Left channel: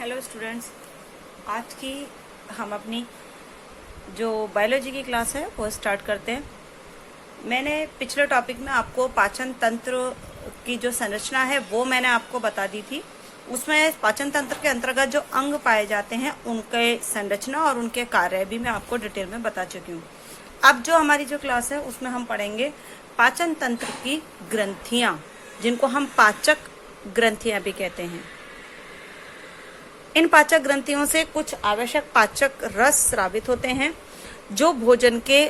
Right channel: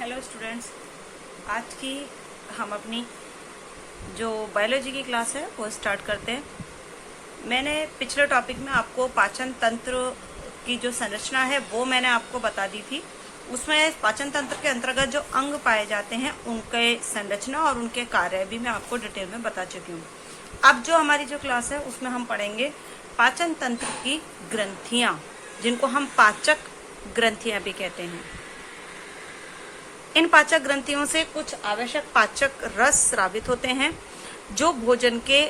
Hello students, आज की हम अपनी जो बायोलॉजी की क्लास है वो स्टार्ट करते हैं। मैंने पिछले टॉपिक में आपको पाचन तंत्र की जो संरचना है वो मैंने आपको बता दी थी। उसमें पाचन तंत्र के अंतर्गत जो अंग पाए जाते हैं उनके संरचना और उनके कार्य भी मैं आपको डिटेल में बता चुकी हूँ। अब जो हमारी जो क्लास है उसमें हम पढ़ेंगे पाचन तंत्र की ग्रंथियां, जिनको हम पाचक ग्रंथियां भी कहते हैं। इन पाचक ग्रंथियों से कुछ आवश्यक पाचक रस स्रावित होते हैं जो भोजन के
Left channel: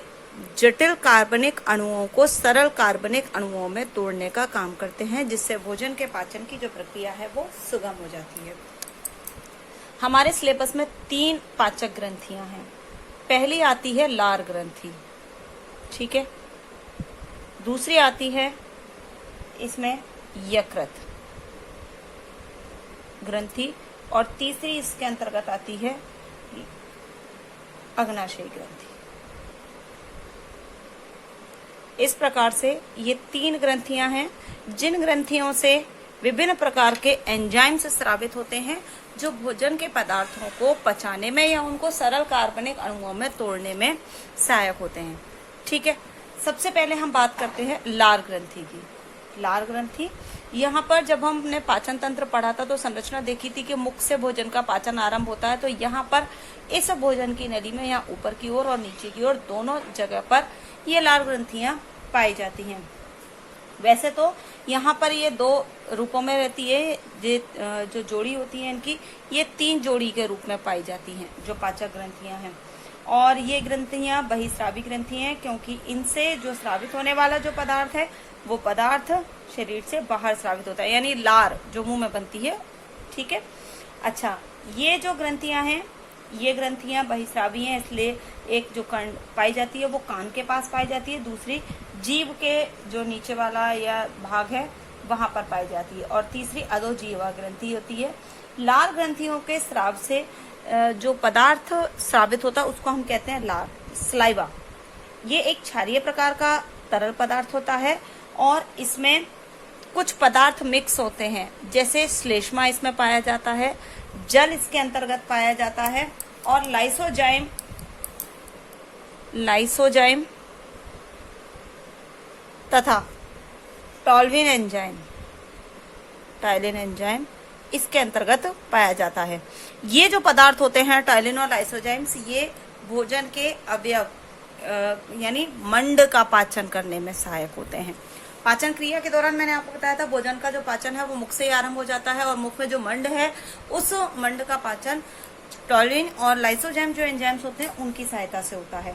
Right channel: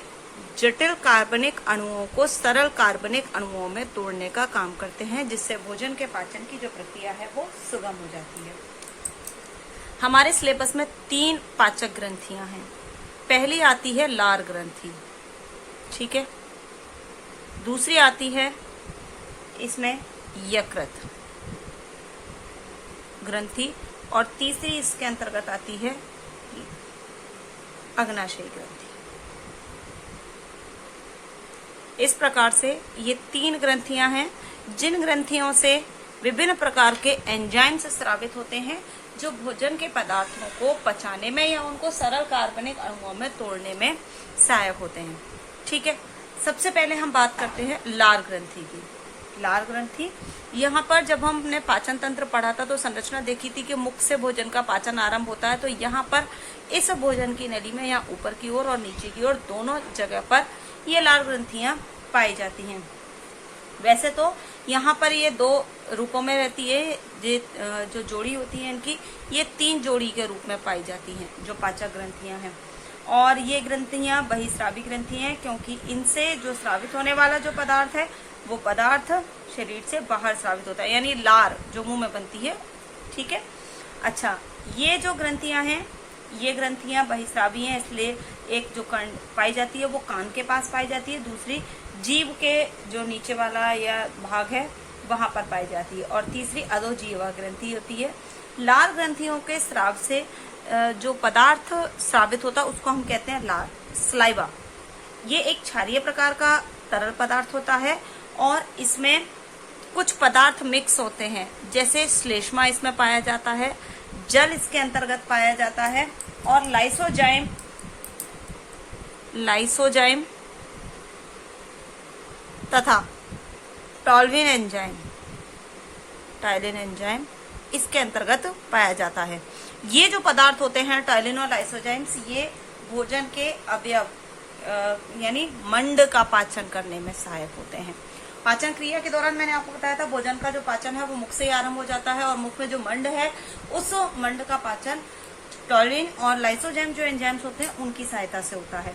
जटिल कार्बनिक अणुओं को सरल कार्बनिक अणुओं में तोड़ने का काम करते हैं, जिससे भोजन के पाचन की जो प्रक्रिया है वो सुगम हो जाती है। हमारे सिलेबस में 3 पाचक ग्रंथियां हैं। पहली आती है लार ग्रंथि, ठीक है। दूसरी आती है इसमें यकृत ग्रंथि और तीसरी इसके अंतर्गत आती है अग्नाशय ग्रंथि। इस प्रकार से ये 3 ग्रंथियां हैं जिन ग्रंथियों से विभिन्न प्रकार के एंजाइम्स स्रावित होते हैं जो भोजन के पदार्थों को पचाने में या उनको सरल कार्बनिक अणुओं में तोड़ने में सहायक होते हैं, ठीक है। सबसे पहले हम बात करते हैं लार ग्रंथि की। लार ग्रंथि, यहाँ पर जब हमने पाचन तंत्र पढ़ा था तो संरचना देखी थी कि मुख से भोजन का पाचन आरंभ होता है। तो यहाँ पर इस भोजन की नली में यहाँ ऊपर की ओर और नीचे की ओर दोनों जगह पर ये लार ग्रंथियां पाई जाती हैं। वैसे तो यहाँ पर ये 2 रूपों में रहती है। ये जो जोड़ी होती है इनकी, ये 3 जोड़ी के रूप में पाई जाती हैं जो पाचक ग्रंथियां हैं। और ये ग्रंथियां बहिस्रावी ग्रंथि हैं क्योंकि इनसे जो स्रावित होने वाला जो पदार्थ है वो पदार्थ शरीर से बाहर स्रावित होता है, यानी लार जो मुंह में बनती है, ठीक है। अच्छा, ये जो ग्रंथियां हैं ये ग्रंथियां बहिस्रावी हैं, इसलिए एक जो कान पाई जाती है वो कान के पास पाई जाती है, दूसरी जीभ के जो नीचे वाला या भाग है वहां पर पाई जाती है, और तीसरी अधोजीवा ग्रंथि होती है। लार ग्रंथियों के स्राव से जो पदार्थ स्रावित होता है उसको हम कहते हैं लार, स्लाइवा। ये एक क्षारीय प्रकार का तरल पदार्थ होता है और इसमें कुछ पदार्थ मिक्स होते हैं, जैसे श्लेष्मा इसमें पाया जाता है, जल इसके अंतर्गत पाया जाता है, और लाइसोजाइम तथा टॉल्विन एंजाइम इसके अंतर्गत पाया जाता है। ये जो पदार्थ होते हैं टाइलिन और लाइसोजाइम्स, ये भोजन के अवयव यानी मंड का पाचन करने में सहायक होते हैं। पाचन क्रिया के दौरान मैंने आपको बताया था भोजन का जो पाचन है वो मुख से ही आरंभ हो जाता है, और मुख में जो मंड है उस मंड का पाचन टॉलिन और लाइसोजाइम जो एंजाइम्स होते हैं उनकी सहायता से होता है,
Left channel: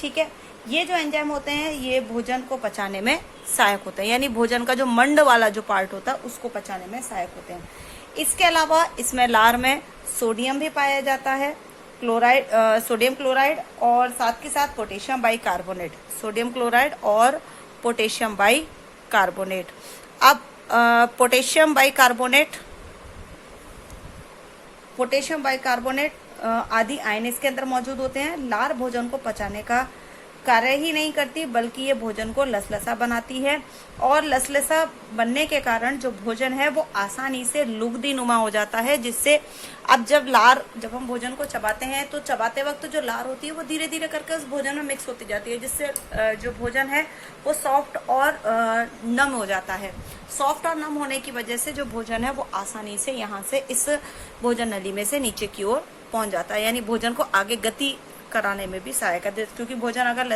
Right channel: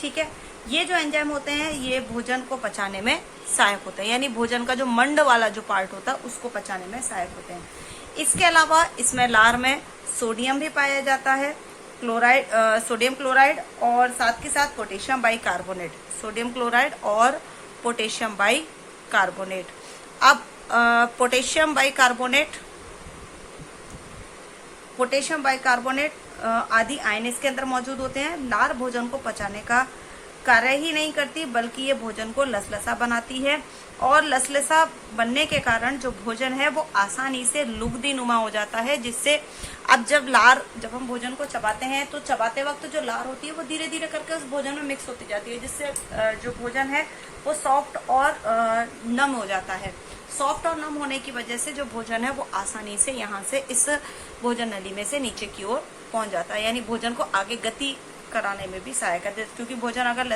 ठीक है। ये जो एंजाइम होते हैं ये भोजन को पचाने में सहायक होते हैं, यानी भोजन का जो मंड वाला जो पार्ट होता है उसको पचाने में सहायक होते हैं। इसके अलावा इसमें लार में सोडियम भी पाया जाता है, सोडियम क्लोराइड, और साथ के साथ पोटेशियम बाइकार्बोनेट, सोडियम क्लोराइड और पोटेशियम बाइकार्बोनेट। अब पोटेशियम बाइकार्बोनेट आदि आयन इसके अंदर मौजूद होते हैं। लार भोजन को पचाने का कार्य ही नहीं करती बल्कि ये भोजन को लसलसा बनाती है, और लसलसा बनने के कारण जो भोजन है वो आसानी से लुगदी नुमा हो जाता है, जिससे अब जब हम भोजन को चबाते हैं तो चबाते वक्त जो लार होती है वो धीरे धीरे करके उस भोजन में मिक्स होती जाती है, जिससे जो भोजन है वो सॉफ्ट और नम हो जाता है। सॉफ्ट और नम होने की वजह से जो भोजन है वो आसानी से यहाँ से इस भोजन नली में से नीचे की ओर पहुंच जाता है, यानी भोजन को आगे गति कराने में भी सहायक है। क्योंकि भोजन अगर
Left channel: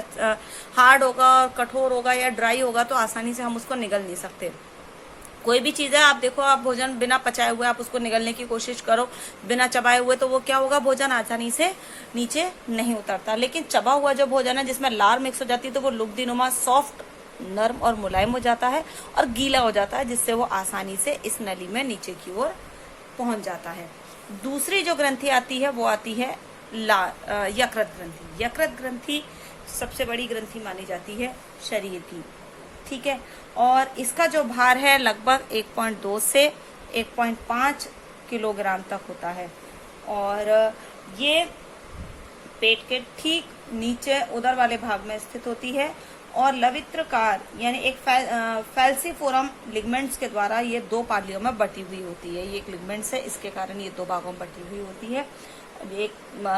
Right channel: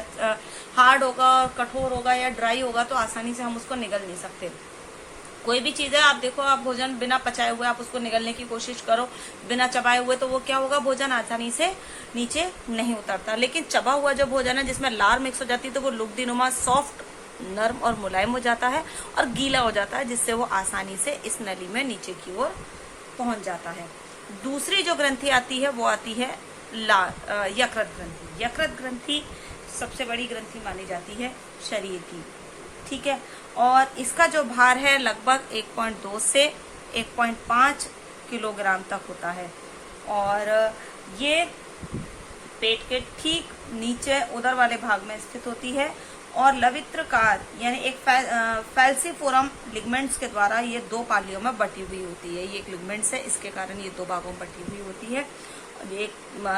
हार्ड होगा, कठोर होगा या ड्राई होगा तो आसानी से हम उसको निगल नहीं सकते। कोई भी चीज है, आप देखो, आप भोजन बिना पचाए हुए आप उसको निगलने की कोशिश करो बिना चबाए हुए, तो वो क्या होगा, भोजन आसानी से नीचे नहीं उतरता। लेकिन चबा हुआ जो भोजन है जिसमें लार मिक्स हो जाती है तो वो लुगदीनुमा, सॉफ्ट, नर्म और मुलायम हो जाता है और गीला हो जाता है, जिससे वो आसानी से इस नली में नीचे की ओर पहुंच जाता है। दूसरी जो ग्रंथि आती है वो आती है यकृत ग्रंथि। यकृत ग्रंथि सबसे बड़ी ग्रंथि मानी जाती है शरीर की, ठीक है, और इसका जो भार है लगभग 1.2 से 1.5 किलोग्राम तक होता है, और ये पेट के ठीक नीचे उदर वाले भाग में स्थित होती है, और लवित्रकार यानी एक फैल्सिफोरम लिगमेंट्स के द्वारा ये दो पालियों में बटी हुई होती है। ये एक लिगमेंट्स है, इसके कारण ये दो भागों में बटी हुई होती है। एक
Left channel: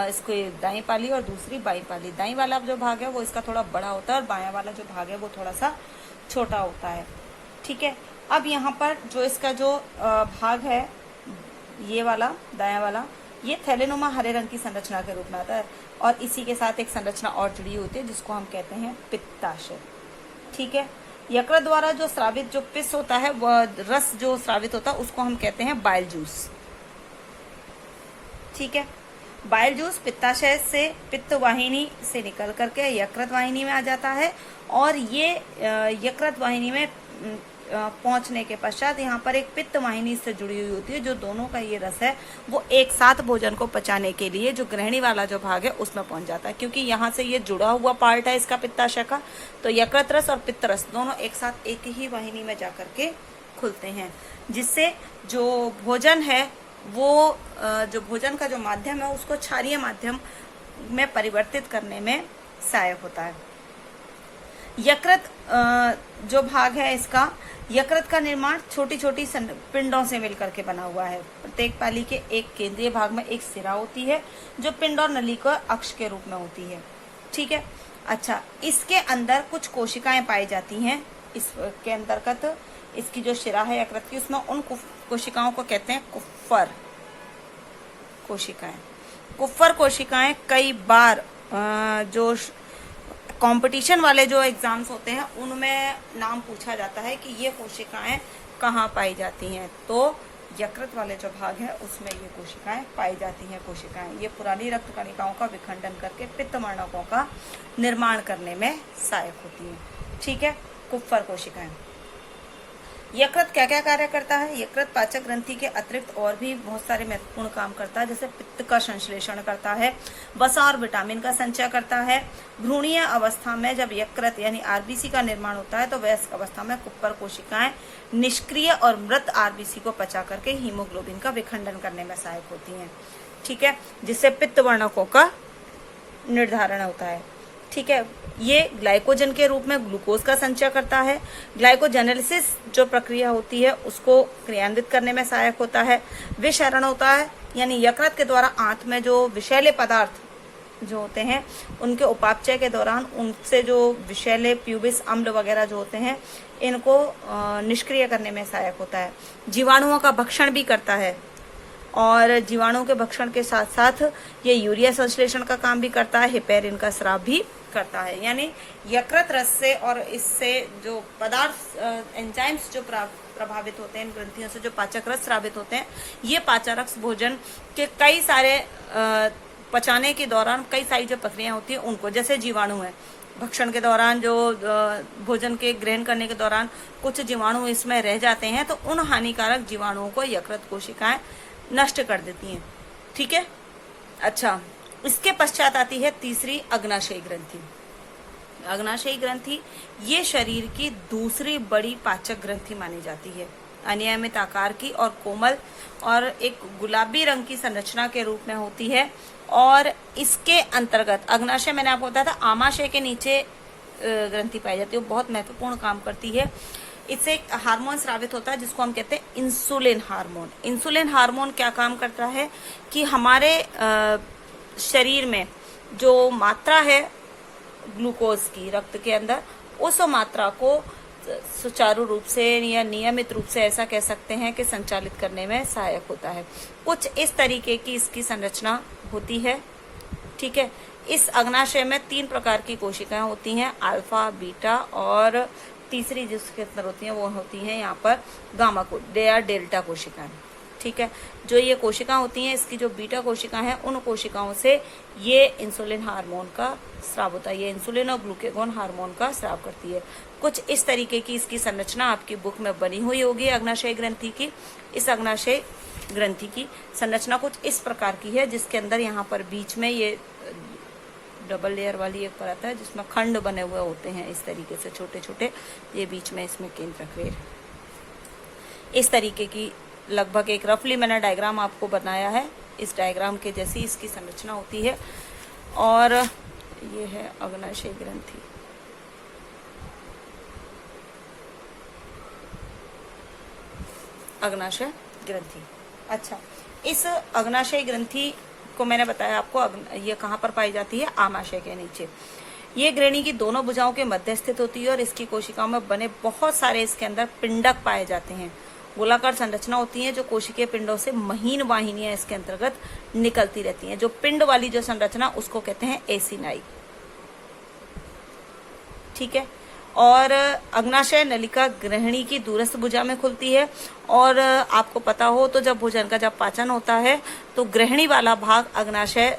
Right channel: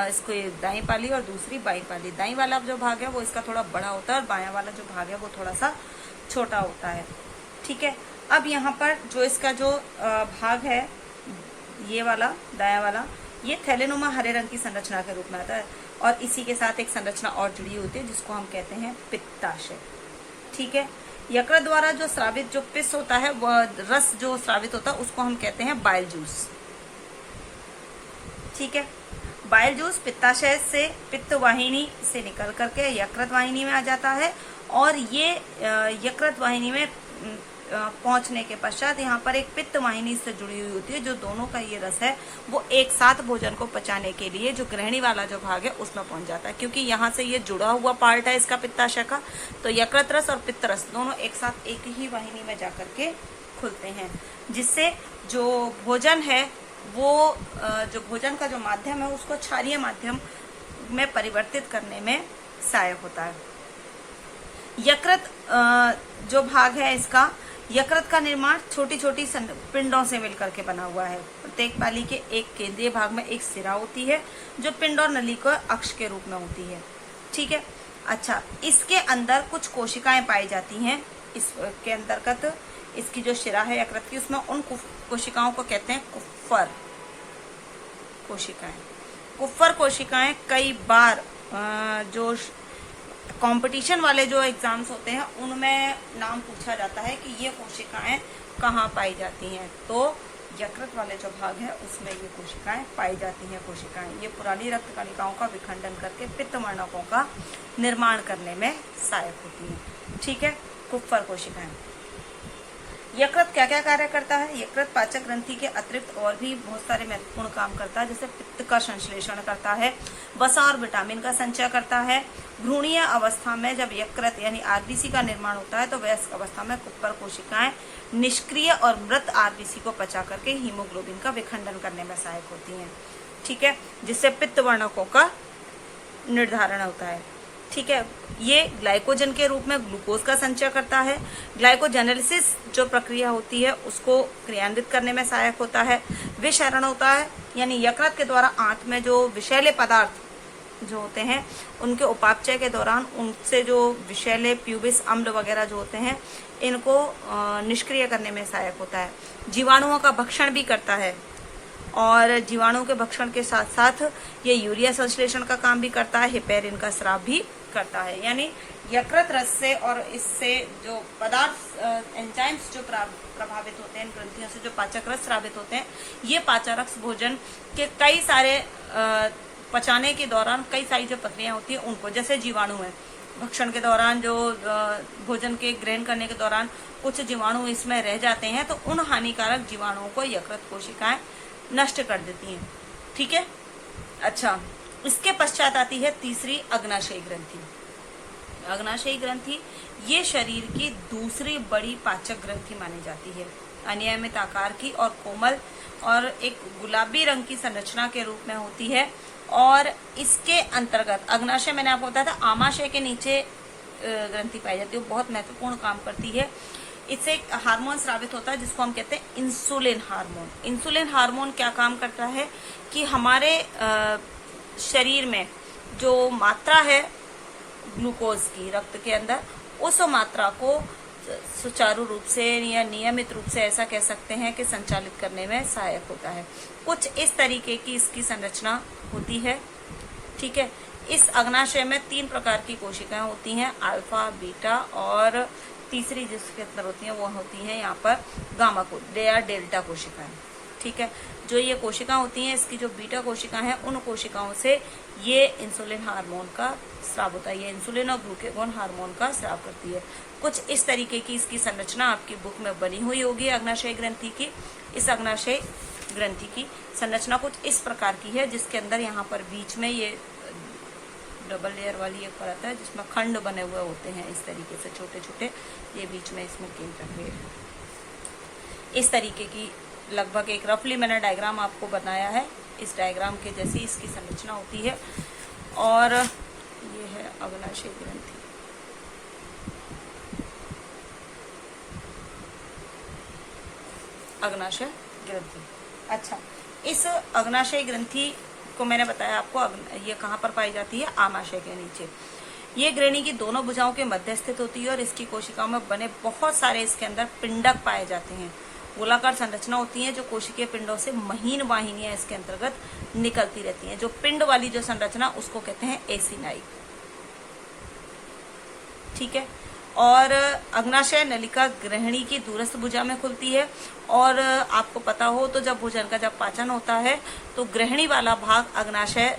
इसको दाईं पाली और दूसरी बाईं पाली। दाईं वाला जो भाग है वो इसका थोड़ा बड़ा होता है और बायां वाला जो भाग है वो थोड़ा सा छोटा होता है। ठीक है, अब यहाँ पर जो इसका जो भाग है ये वाला दायां वाला, ये थैलेनुमा हरे रंग की संरचना के रूप में आता है और इसी के साथ एक संरचना और जुड़ी होती है जिसको हम कहते हैं पित्ताशय। ठीक है, यकृत द्वारा जो स्रावित जो पिस होता है, वह रस जो स्रावित होता है उसको हम कहते हैं बाइल जूस। ठीक है, बाइल जूस पित्ताशय से पित्त वाहिनी से निकल करके यकृत वाहिनी में आ जाता है और ये यकृत वाहिनी में पहुंचने के पश्चात यहाँ पर एक पित्त वाहिनी से जुड़ी हुई होती है। जो दोनों का ये रस है वो एक साथ भोजन को पचाने के लिए जो ग्रहणी वाला जो भाग है उसमें पहुंच जाता है, क्योंकि यहाँ से ये जुड़ा हुआ पार्ट है इसका पित्ताशय का। तो यकृत रस और पित्त रस दोनों एक साथ एक ही वाहिनी में जाकर के खुलते हैं, जिससे जो भोजन है वो जो भोजन का जो माध्यम है उसको क्षारीय माध्यम में परिवर्तित करने में सहायक होता है। यकृत जो भाग है इसका, यकृत का निर्माण छोटी छोटी पिंडों से मिलकर के बना हुआ है। प्रत्येक पाली के एक केंद्रीय भाग में एक सिरा होती है जो पिंड और नली के अक्ष के रूप में होती है। ठीक है, अच्छा, इसके अंदर कुछ कोशिकाएं पाई जाती हैं। इसके अंतर्गत इसकी जो शिरा है यकृत की, उसमें उन कोशिकाओं को कहते हैं कुफ्फर कोशिकाएं। कुफ्फर कोशिकाएं कई बार जो कंपटीशन वाले जो एग्जाम्स होते हैं उनमें नाम पूछा जाता है कि ये कोशिकाएं कहाँ पाई जाती हैं। तो यकृत वाले जो भाग है उसमें ये कोशिकाएं पाई जाती हैं। कोशिकाएं ये पुरानी रक्त कणिकाओं का विखंडन करके पित्तवर्णकों का निर्माण करने में सहायक होती हैं। ठीक है, कुफ्फर कोशिकाएं। यकृत क्या क्या कार्य करता है? यकृत पाचक ग्रंथि के अतिरिक्त और भी बहुत सारे महत्वपूर्ण काम करता है, जैसे पित्त का संश्लेषण करता है, वसा और विटामिन का संचय करता है। भ्रूणीय अवस्था में जब यकृत यानी आरबीसी का निर्माण होता है तो वयस्क अवस्था में कुप्पर कोशिकाएं निष्क्रिय और मृत आरबीसी को पचा करके हीमोग्लोबिन का विखंडन करने में सहायक होती हैं। ठीक है, जिससे पित्त वर्णकों का निर्धारण होता है। ठीक है, ये ग्लाइकोजन के रूप में ग्लूकोज का संचय करता है। ग्लाइकोजेनेलिसिस जो प्रक्रिया होती है उसको क्रियान्वित करने में सहायक होता है। विषरण होता है, यानी यकृत के द्वारा आंत में जो विषैले पदार्थ जो होते हैं उनके उपापचय के दौरान उनसे जो विषैले प्यूबिस अम्ल वगैरह जो होते हैं इनको निष्क्रिय करने में सहायक होता है। जीवाणुओं का भक्षण भी करता है और जीवाणुओं के भक्षण के साथ साथ ये यूरिया संश्लेषण का काम भी करता है, हेपेरिन का स्राव भी करता है। यानी यकृत रस से और इससे जो पदार्थ एंजाइम्स जो प्रभावित होते हैं, इन ग्रंथियों से जो पाचक रस स्रावित होते हैं, ये पाचक रस भोजन के कई सारे पचाने के दौरान कई सारी जो प्रक्रिया होती है उनको, जैसे जीवाणु है, भक्षण के दौरान जो भोजन के ग्रहण करने के दौरान कुछ जीवाणु इसमें रह जाते हैं तो उन हानिकारक जीवाणुओं को यकृत कोशिकाएं नष्ट कर देती हैं। ठीक है, अच्छा, इसके पश्चात आती है तीसरी अग्नाशयी ग्रंथि। अग्नाशयी ग्रंथि ये शरीर की दूसरी बड़ी पाचक ग्रंथि मानी जाती है। अनियमित आकार की और कोमल और एक गुलाबी रंग की संरचना के रूप में होती है और इसके अंतर्गत अग्नाशय, मैंने आपको बताया था, आमाशय के नीचे ग्रंथि पाई जाती है। वो बहुत महत्वपूर्ण काम करती है। इससे एक हार्मोन स्रावित होता है जिसको हम कहते हैं इंसुलिन हार्मोन। इंसुलिन हार्मोन क्या काम करता है कि हमारे शरीर में जो मात्रा है ग्लूकोज की रक्त के अंदर, उस मात्रा को सुचारू रूप से या नियमित रूप से ऐसा कह सकते हैं कि संचालित करने में सहायक होता है। कुछ इस तरीके की इसकी संरचना होती है। ठीक है, इस अग्नाशय में 3 प्रकार की कोशिकाएं होती हैं, अल्फा, बीटा और तीसरी जिसके अंदर होती है वो होती है यहाँ पर गामा को या डेल्टा कोशिकाएं। ठीक है, जो ये कोशिकाएं होती हैं, इसकी जो बीटा कोशिकाएं हैं, उन कोशिकाओं से ये इंसुलिन हार्मोन का स्राव होता है। ये इंसुलिन और ग्लूकेगोन हार्मोन का स्राव करती है। कुछ इस तरीके की इसकी संरचना आपकी बुक में बनी हुई होगी अग्नाशय ग्रंथि की। इस अग्नाशय ग्रंथि की संरचना कुछ इस प्रकार की है, जिसके अंदर यहाँ पर बीच में ये डबल लेयर वाली एक परत है जिसमें खंड बने हुए होते हैं इस तरीके से छोटे छोटे। ये बीच में इसमें केंद्र इस तरीके की लगभग एक रफली मैंने डायग्राम आपको बनाया है। इस डायग्राम के जैसी इसकी संरचना होती है और ये है अग्नाशय ग्रंथि। अग्नाशय ग्रंथि। अच्छा, इस अग्नाशय ग्रंथि को मैंने बताया आपको, ये कहाँ पर पाई जाती है? आमाशय के नीचे। ये ग्रहणी की दोनों भुजाओं के मध्य स्थित होती है और इसकी कोशिकाओं में बने बहुत सारे इसके अंदर पिंडक पाए जाते हैं। गोलाकार संरचना होती है जो कोशिकीय पिंडों से महीन वाहिनियां इसके अंतर्गत निकलती रहती हैं। जो पिंड वाली जो संरचना उसको कहते हैं एसिनाई। ठीक है। और अग्नाशय नलिका ग्रहणी की दूरस्थ भुजा में खुलती है। और आपको पता हो तो जब भोजन का जब पाचन होता है तो ग्रहणी वाला भाग अग्नाशय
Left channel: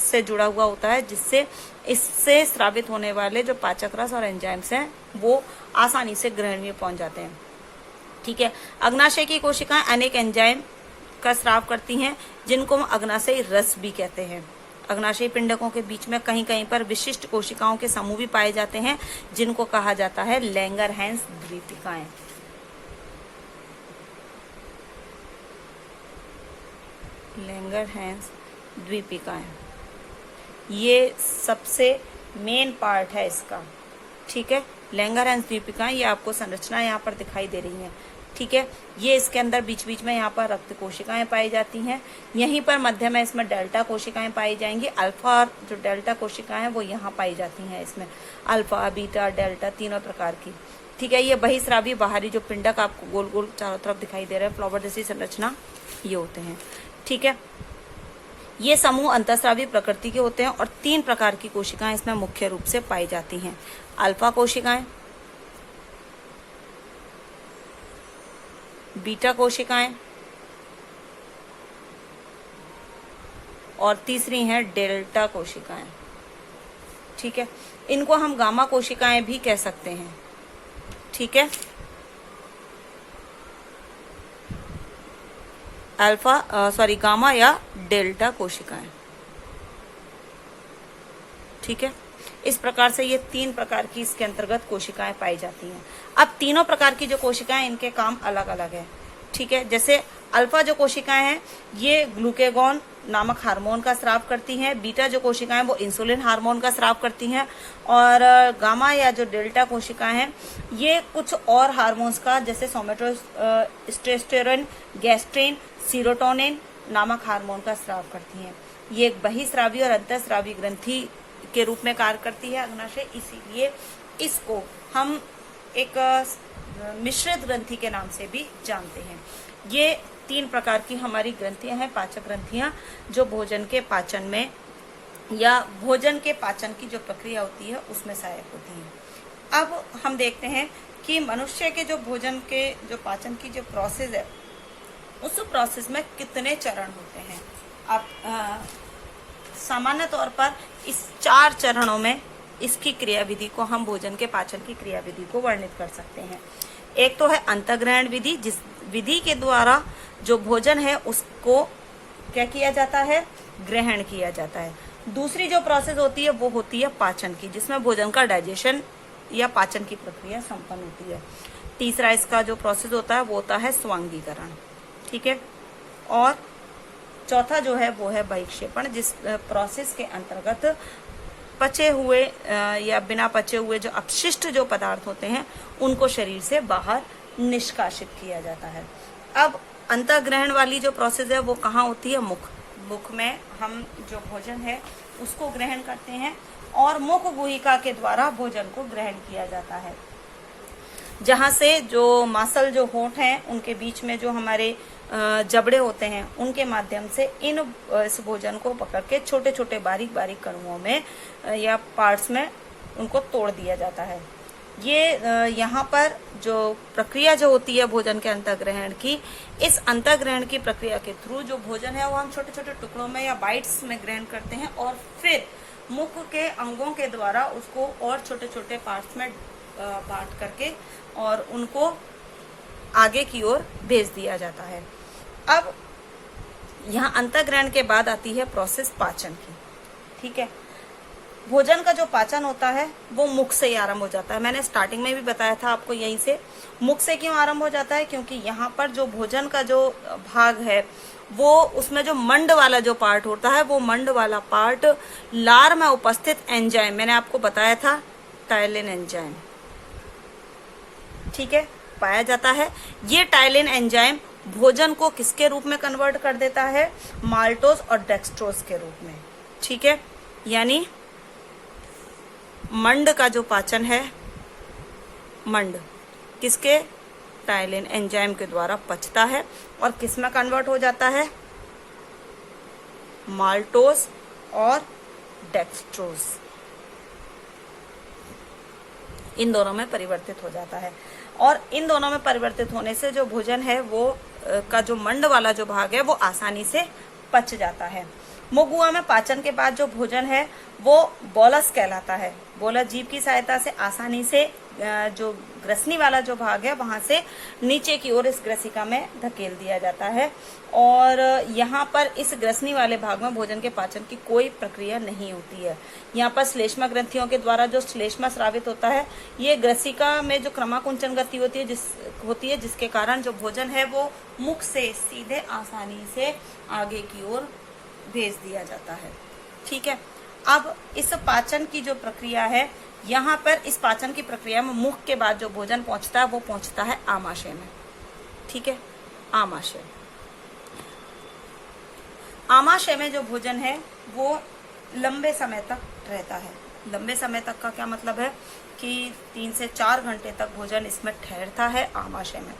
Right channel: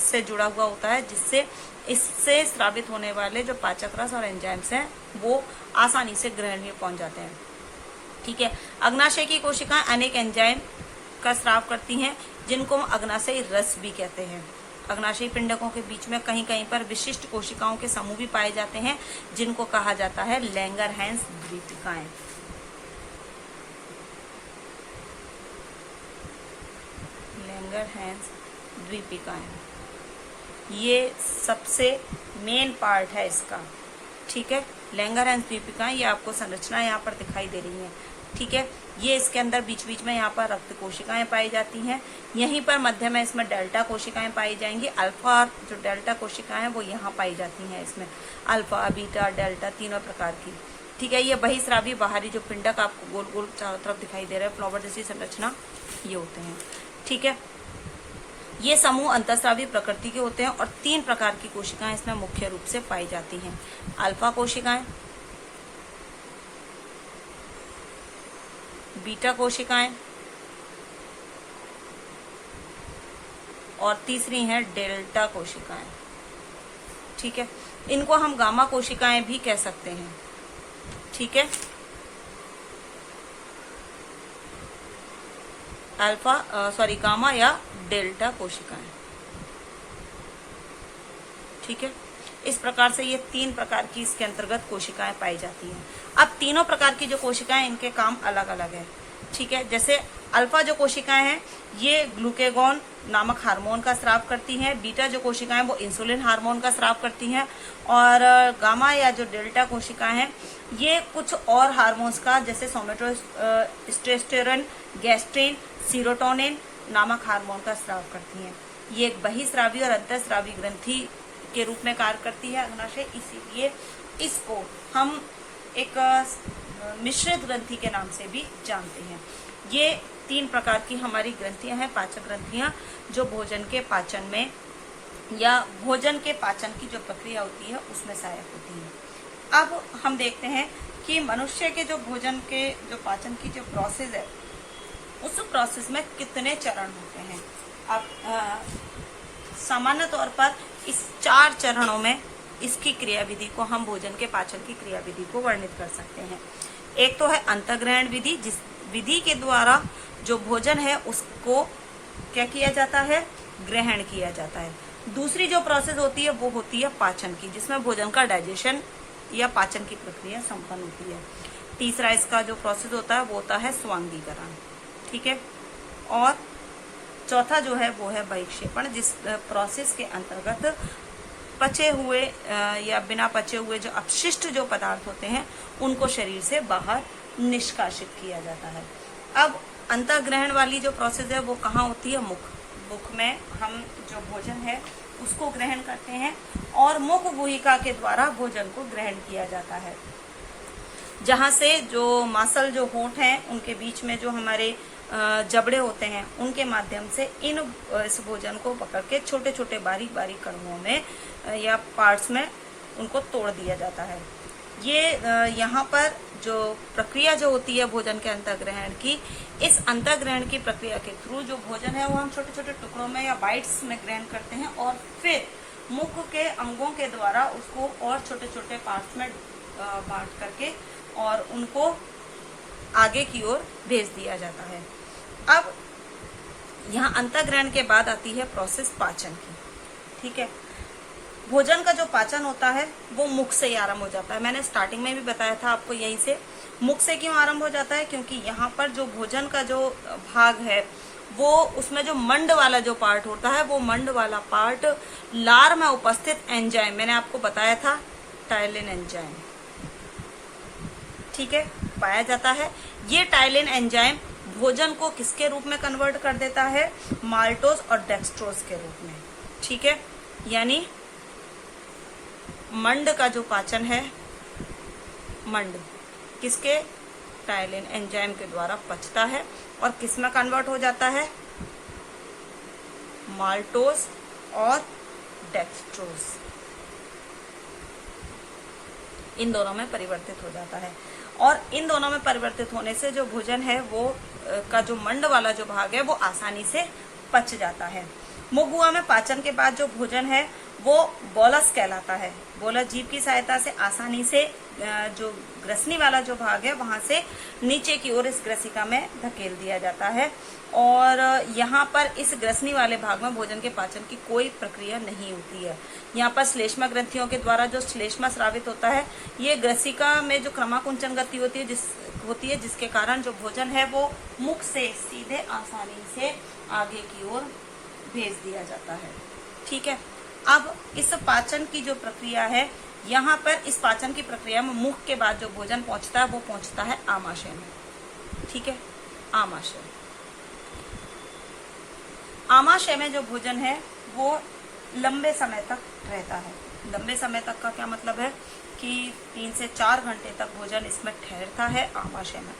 से जुड़ा हुआ होता है, जिससे इससे स्रावित होने वाले जो पाचक रस और एंजाइम्स हैं वो आसानी से ग्रहणी में पहुंच जाते हैं। ठीक है। अग्नाशय की कोशिकाएं अनेक एंजाइम का स्राव करती हैं, जिनको हम अग्नाशयी रस भी कहते हैं। अग्नाशयी पिंडकों के बीच में कहीं कहीं पर विशिष्ट कोशिकाओं के समूह भी पाए जाते हैं, जिनको कहा जाता है लैंगरहैंस द्वीपिकाएं। लैंगरहैंस द्वीपिकाएं, ये सबसे मेन पार्ट है इसका। ठीक है। लैंगरहैंस द्वीपिकाएं, ये आपको संरचना यहाँ पर दिखाई दे रही है। ठीक है। ये इसके अंदर बीच बीच में यहाँ पर रक्त कोशिकाएं पाई जाती हैं। यहीं पर मध्य में इसमें डेल्टा कोशिकाएं पाई जाएंगी। अल्फा और जो डेल्टा कोशिकाएं हैं वो यहाँ पाई जाती हैं। इसमें अल्फा, बीटा, डेल्टा तीनों प्रकार की। ठीक है। ये बहिस्रावी बाहरी जो पिंडक आपको गोल गोल चारों तरफ दिखाई दे रहा है, फ्लावर जैसी संरचना, ये होते हैं। ठीक है। ये समूह अंतःस्रावी प्रकृति के होते हैं और 3 प्रकार की कोशिकाएं इसमें मुख्य रूप से पाई जाती हैं। अल्फा कोशिकाएं, बीटा कोशिकाएं और तीसरी हैं डेल्टा कोशिकाएं। ठीक है। इनको हम गामा कोशिकाएं भी कह सकते हैं। ठीक है। गामा या डेल्टा कोशिकाएं। ठीक है। इस प्रकार से ये 3 प्रकार की इसके अंतर्गत कोशिकाएं पाई जाती हैं। अब तीनों प्रकार की जो कोशिकाएं, इनके काम अलग अलग है। ठीक है। जैसे अल्फा जो कोशिकाएं हैं ये ग्लूकेगॉन नामक हार्मोन का स्राव करती हैं। बीटा जो कोशिकाएं वो इंसुलिन हार्मोन का स्राव करती हैं। और गामा या जो डेल्टा कोशिकाएं हैं ये कुछ और हार्मोन्स का, जैसे सोमेटोस्टेरोन, गैस्ट्रिन, सीरोटोनिन नामक हार्मोन का स्राव करती हैं। ये एक बहिस्रावी और अंतःस्रावी ग्रंथि के रूप में कार्य करती है अग्नाशय, इसीलिए इसको हम एक मिश्रित ग्रंथि के नाम से भी जानते हैं। ये 3 प्रकार की हमारी ग्रंथियां हैं, पाचक ग्रंथियां, जो भोजन के पाचन में या भोजन के पाचन की जो प्रक्रिया होती है उसमें सहायक होती है। अब हम देखते हैं कि मनुष्य के जो भोजन के जो पाचन की जो प्रोसेस है उस प्रोसेस में कितने चरण होते हैं। आप सामान्य तौर पर इस 4 चरणों में इसकी क्रियाविधि को, हम भोजन के पाचन की क्रियाविधि को वर्णित कर सकते हैं। एक तो है अंतःग्रहण विधि, जिस विधि के द्वारा जो भोजन है उसको क्या किया जाता है? ग्रहण किया जाता है। दूसरी जो प्रोसेस होती है वो होती है पाचन की, जिसमें भोजन का डाइजेशन या पाचन की प्रक्रिया संपन्न होती है। तीसरा इसका जो प्रोसेस होता है वो होता है स्वांगीकरण। ठीक है। और चौथा जो है वो है बहिक्षेपण, जिस प्रोसेस के अंतर्गत पचे हुए या बिना पचे हुए जो अपशिष्ट जो पदार्थ होते हैं उनको शरीर से बाहर निष्कासित किया जाता है। अब अंतःग्रहण वाली जो प्रोसेस है वो कहाँ होती है? मुख में हम जो भोजन है उसको ग्रहण करते हैं और मुख गुहिका के द्वारा भोजन को ग्रहण किया जाता है, जहाँ से जो मांसल जो होंठ हैं उनके बीच में जो हमारे जबड़े होते हैं उनके माध्यम से इस भोजन को पकड़ के छोटे छोटे बारीक बारीक कणुओं में या पार्ट्स में उनको तोड़ दिया जाता है। ये यहाँ पर जो प्रक्रिया जो होती है भोजन के अंतःग्रहण की, इस अंतःग्रहण की प्रक्रिया के थ्रू जो भोजन है वो हम छोटे छोटे टुकड़ों में या बाइट्स में ग्रहण करते हैं और फिर मुख के अंगों के द्वारा उसको और छोटे छोटे पार्ट्स में बांट करके और उनको आगे की ओर भेज दिया जाता है। अब यहाँ अंतःग्रहण के बाद आती है प्रोसेस पाचन की। ठीक है। भोजन का जो पाचन होता है वो मुख से ही आरंभ हो जाता है। मैंने स्टार्टिंग में भी बताया था आपको, यहीं से मुख से क्यों आरंभ हो जाता है, क्योंकि यहाँ पर जो भोजन का जो भाग है वो उसमें जो मंड वाला जो पार्ट होता है वो मंड वाला पार्ट लार में उपस्थित एंजाइम, मैंने आपको बताया था टाइलिन एंजाइम, ठीक है, पाया जाता है। ये टाइलिन एंजाइम भोजन को किसके रूप में कन्वर्ट कर देता है, माल्टोज और डेक्सट्रोज के रूप में। ठीक है, यानी मंड का जो पाचन है, मंड किसके, टाइलिन एंजाइम के द्वारा पचता है और किस में कन्वर्ट हो जाता है, माल्टोज और डेक्सट्रोज, इन दोनों में परिवर्तित हो जाता है। और इन दोनों में परिवर्तित होने से जो भोजन है वो का जो मंड वाला जो भाग है वो आसानी से पच जाता है। मुख में पाचन के बाद जो भोजन है वो बोलस कहलाता है। बोलस जीभ की सहायता से आसानी से जो ग्रसनी वाला जो भाग है वहां से नीचे की ओर इस ग्रसिका में धकेल दिया जाता है। और यहाँ पर इस ग्रसनी वाले भाग में भोजन के पाचन की कोई प्रक्रिया नहीं होती है। यहाँ पर श्लेष्मा ग्रंथियों के द्वारा जो श्लेष्मा स्रावित होता है, ये ग्रसिका में जो क्रमाकुंचन गति होती है जिसके कारण जो भोजन है वो मुख से सीधे आसानी से आगे की ओर भेज दिया जाता है। ठीक है, अब इस पाचन की जो प्रक्रिया है, यहाँ पर इस पाचन की प्रक्रिया में मुख के बाद जो भोजन पहुंचता है वो पहुंचता है आमाशय में। ठीक है, आमाशय, आमाशय में जो भोजन है वो लंबे समय तक रहता है। लंबे समय तक का क्या मतलब है कि 3 से 4 घंटे तक भोजन इसमें ठहरता है आमाशय में।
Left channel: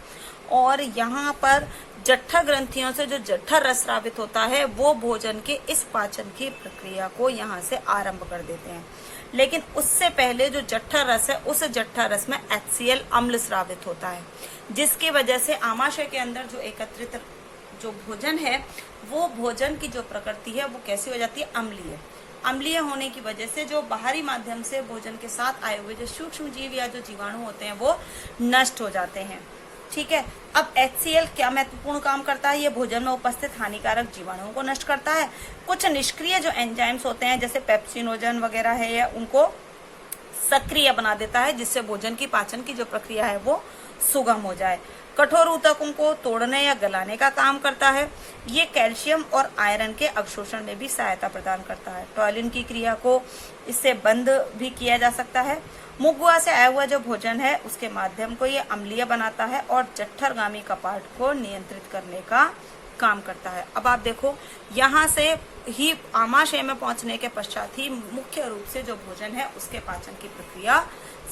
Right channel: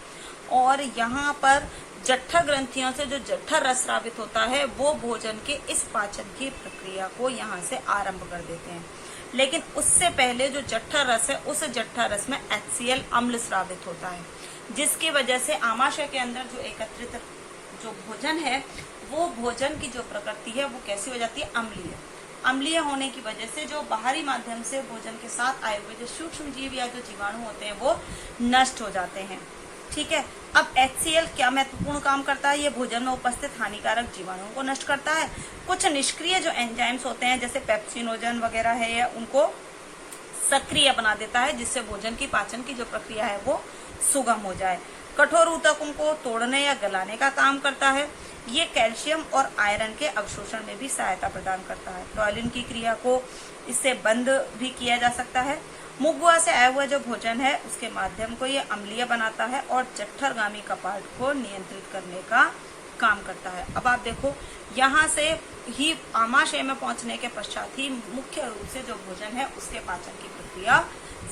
और यहाँ पर जठर ग्रंथियों से जो जठर रस स्रावित होता है वो भोजन के इस पाचन की प्रक्रिया को यहाँ से आरंभ कर देते हैं। लेकिन उससे पहले जो जठर रस है, उस जठर रस में HCl अम्ल स्रावित होता है, जिसकी वजह से आमाशय के अंदर जो एकत्रित जो भोजन है वो भोजन की जो प्रकृति है वो कैसी हो जाती है, अम्लीय। अम्लीय होने की वजह से जो बाहरी माध्यम से भोजन के साथ आए हुए जो सूक्ष्म जीव या जो जीवाणु होते हैं वो नष्ट हो जाते हैं। ठीक है, अब HCl क्या महत्वपूर्ण काम करता है, ये भोजन में उपस्थित हानिकारक जीवाणुओं को नष्ट करता है। कुछ निष्क्रिय जो एंजाइम्स होते हैं जैसे पेप्सिनोजन वगैरह है, या उनको सक्रिय बना देता है, जिससे भोजन की पाचन की जो प्रक्रिया है वो सुगम हो जाए। कठोर ऊतकों को तोड़ने या गलाने का काम करता है। ये कैल्शियम और आयरन के अवशोषण में भी सहायता प्रदान करता है। टॉयलिन की क्रिया को इससे बंद भी किया जा सकता है। मुख से आया हुआ जो भोजन है उसके माध्यम को ये अम्लीय बनाता है और जठरगामी कपाट को नियंत्रित करने का काम करता है। अब आप देखो, यहाँ से ही आमाशय में पहुंचने के पश्चात ही मुख्य रूप से जो भोजन है उसके पाचन की प्रक्रिया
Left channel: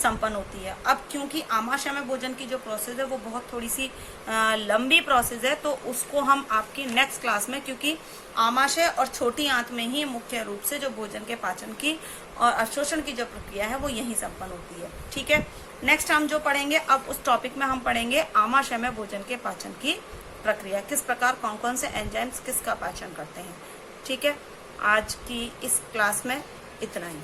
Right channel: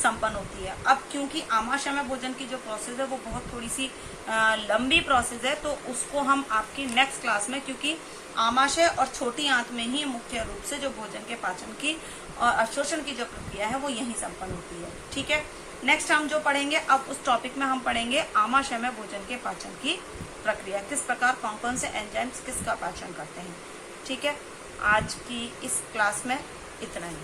संपन्न होती है। अब क्योंकि आमाशय में भोजन की जो प्रोसेस है वो बहुत थोड़ी सी लंबी प्रोसेस है, तो उसको हम आपकी नेक्स्ट क्लास में, क्योंकि आमाशय और छोटी आंत में ही मुख्य रूप से जो भोजन के पाचन की और अवशोषण की जो प्रक्रिया है वो यही संपन्न होती है। ठीक है, नेक्स्ट हम जो पढ़ेंगे, अब उस टॉपिक में हम पढ़ेंगे आमाशय में भोजन के पाचन की प्रक्रिया, किस प्रकार कौन कौन से एंजाइम्स किसका पाचन करते हैं। ठीक है, आज की इस क्लास में इतना ही।